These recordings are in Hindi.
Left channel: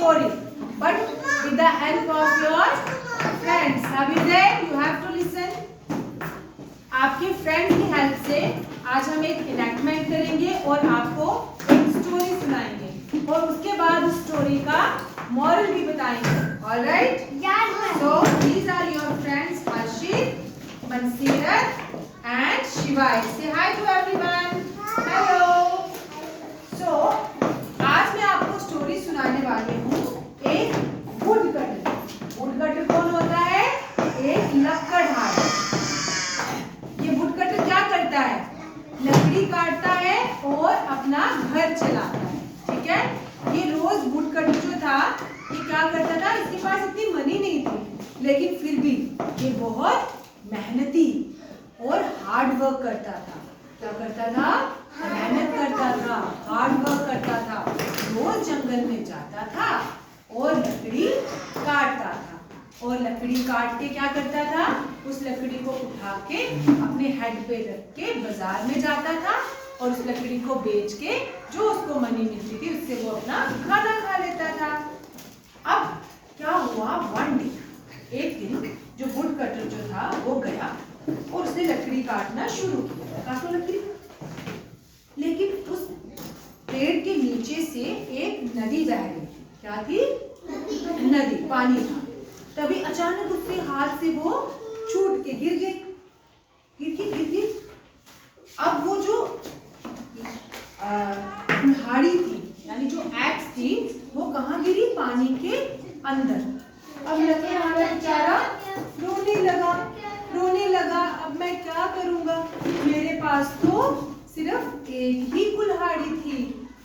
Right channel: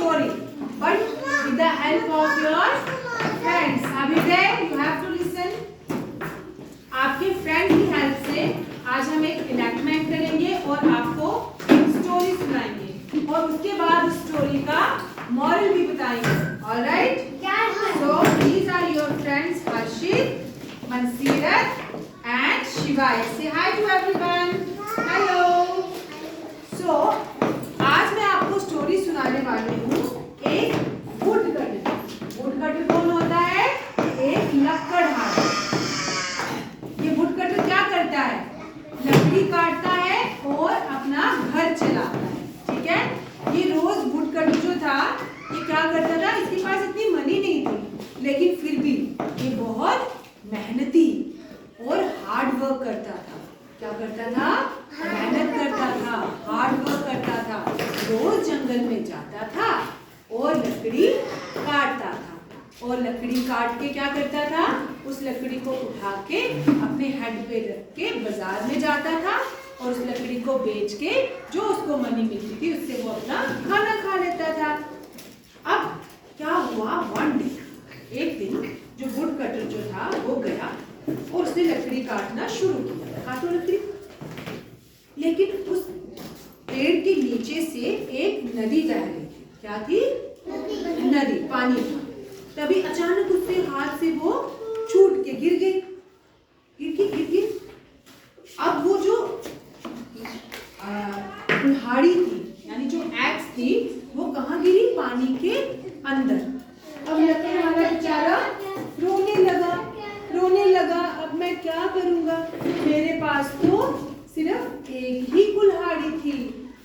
story, but with the help of your friends. Are you there? You have to listen. आपके फ्रेंड की हेल्प से आज हम एक इनैक्टमेंट करेंगे और आपको एक स्टोरी सुनाएंगे और उसके बाद उस स्टोरी का मॉरल भी बताएंगे. All right? So these are your friends Harshit, Mansirat and Shiva. Say hi to everyone. Hello. So आज मैं आपको स्टोरी सुनाने वाली हूँ एक वुडकटर. वुडकटर कौन होता है? एक लकड़हारा. ये वुडकटर क्या करता है? लकड़ी काटता है और अपना घर चलाता है. ठीक है. ये रोज वुडकटर जो था ये क्या करता था? इसके पास इतनी मनी नहीं थी, लेकिन फिर भी ये बहुत मेहनती और हार्ड वर्क करता था. क्या करता था? मेहनत करता था, हार्ड वर्क करता था. रोज जंगल में जाता था और लकड़ी काटता था. और लकड़ी काट के क्या करता था? उस लकड़ी को उठा के अपने हेड पे रख के बाजार में जाता था और उस लकड़ी को बेच के जो उसको मनी मिलती थी उससे वो अपना खाना खा लेता था. अब क्या हुआ? वन डे, एक दिन जो वुडकटर जो था वो गया और उसने लकड़ी काटना शुरू किया. काटो लकड़ी. लेकिन उस पेड़ के नीचे से एक नदी बह रही थी. क्या थी? नदी, पानी था. तभी अचानक उसके हाथ से वो छूट के गिर गई. अब वो जो कुल्हाड़ी थी यानी जो एक्स थी वो कहाँ गिरी? पानी के अंदर. अब लकड़हारा बेचारा रोने लगा. अब मैं क्या करूंगा? मेरे पास तो सिर्फ एक ही कुल्हाड़ी थी.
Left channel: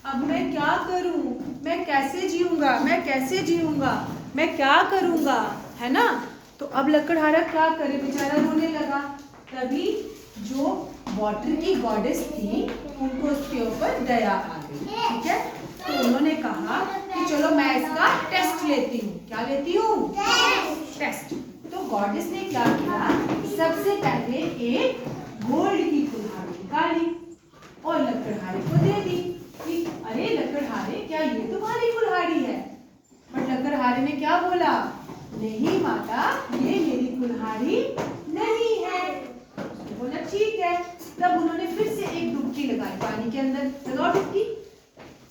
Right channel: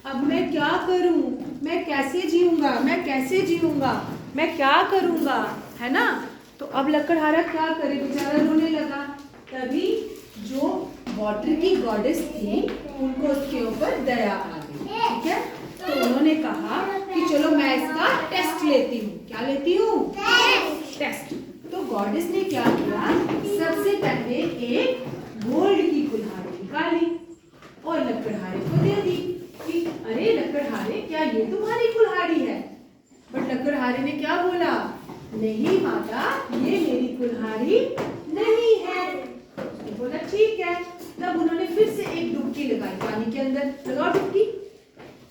अब मैं क्या करूं? मैं कैसे जीऊंगा? मैं क्या करूंगा? है ना. तो अब लकड़हारा क्या करे? बेचारा रोने लगा. तभी जो वाटर की गॉडेस थी उनको उसके ऊपर दया आ गई. ठीक है. तो उन्होंने कहा कि चलो मैं इसका टेस्ट लेती हूँ. क्या लेती हूँ? टेस्ट. तो गॉडेस ने क्या किया? सबसे पहले एक गोल्ड की कुल्हाड़ी निकाली और लकड़हारे को दे दी कि अरे लकड़हारे, क्या ये तुम्हारी कुल्हाड़ी है? बट लकड़हारे ने क्या बोला? नहीं माता, ये मेरी कुल्हाड़ी नहीं है. उसने बोला ठीक है. तब उन्होंने फिर से एक डुबकी लगाई पानी के अंदर. लगाओ डुबकी.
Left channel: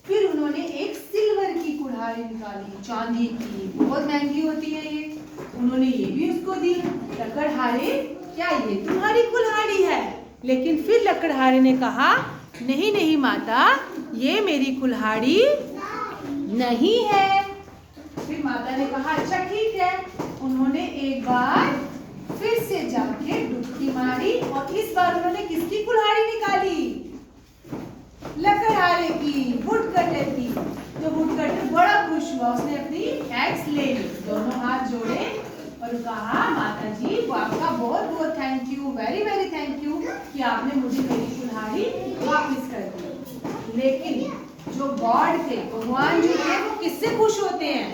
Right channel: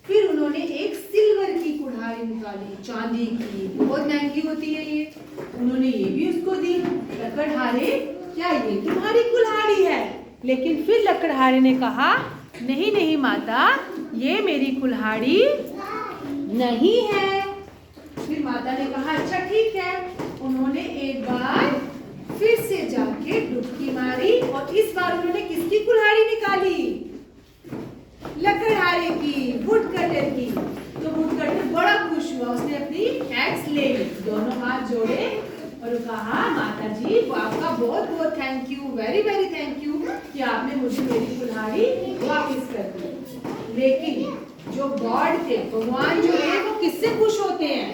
फिर उन्होंने एक सिल्वर की कुल्हाड़ी निकाली, चांदी की, बहुत महंगी होती है ये. उन्होंने ये भी उसको दी. लकड़हारे, क्या ये तुम्हारी कुल्हाड़ी है? लेकिन फिर लकड़हारे ने कहा नहीं माता, ये मेरी कुल्हाड़ी नहीं है. फिर माता ने कहा अच्छा ठीक है. उन्होंने एक बार फिर से जाके डुबकी मारी और इस बार उन्होंने किसकी कुल्हाड़ी निकाली? लकड़हारे की, वुडकटर की. तो वुडकटर बड़ा खुश हुआ. उसने अपनी एक्स ले ली, दोनों हाथ जोड़े और कहा माता जी आपका बहुत thank you, very thank you कि आपने मुझे मेरी कुल्हाड़ी वापस कर दी. लेकिन जो गॉड थे, भगवान जो थे, वो किससे खुश होते हैं?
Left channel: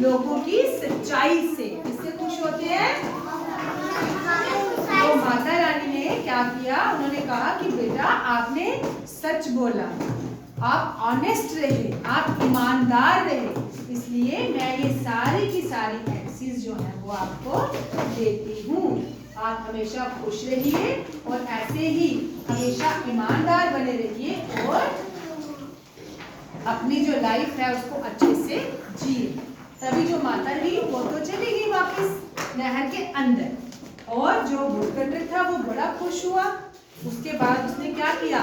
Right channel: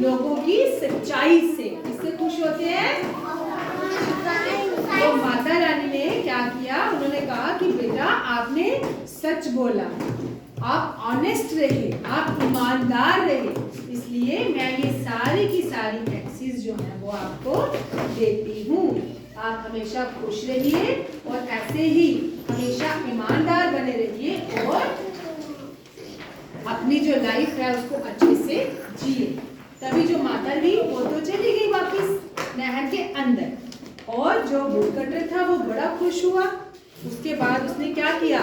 लोगों की सच्चाई से. किससे खुश होते हैं? तो माता रानी ने क्या किया? उन्होंने कहा कि बेटा आपने सच बोला, आप ऑनेस्ट रहे, आप ईमानदार रहे, इसलिए मैं ये सारी की सारी एक्सेस जो है वो आपको देती हूँ. आप हमेशा खुश रहिए और ऐसे ही हमेशा ईमानदार बने रहिए और अपनी जो लाइफ है उसको अच्छे से जिए. तभी जो माता थी वो तो चली गई वापस नहर के अंदर और जो वुडकटर था वो बड़ा खुश हुआ. उसके बाद उसने क्या किया?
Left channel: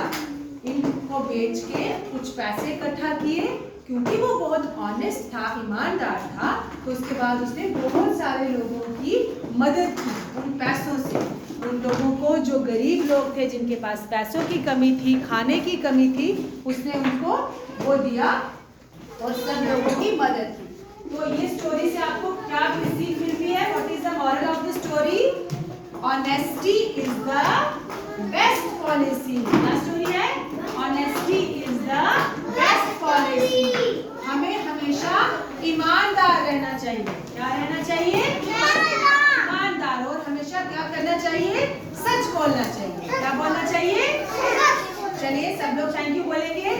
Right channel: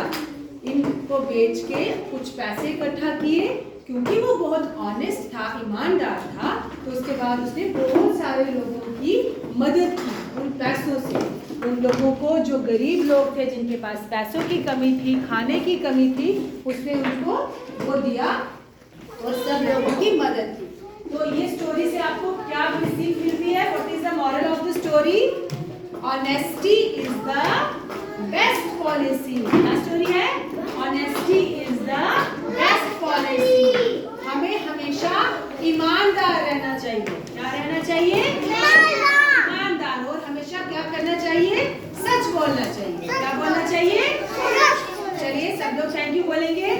इनको बेच के कुछ पैसे इकट्ठा किए क्योंकि वो बहुत ऑनेस्ट था, ईमानदार था. तो उसके बाद उसने बहुत सारे लोगों की मदद की उन पैसों से. उन लोगों को जो गरीब लोग थे जिनके पास पैसों की कमी थी, खाने की कमी थी, उसने उनको वो दिया और सब लोगों की मदद की. तो ये स्टोरी से आपको क्या सीख मिलती है? What is the moral of the story? Honesty is the best policy. क्या स्टोरी है? Honesty is the best policy. हमें हमेशा ईमानदार रहना चाहिए. क्या रहना चाहिए? ईमानदार. और हमेशा क्या करना चाहिए? सच बोलना चाहिए. क्या बोलना चाहिए? चलिए सब लोग थैंक यू बोलेंगे.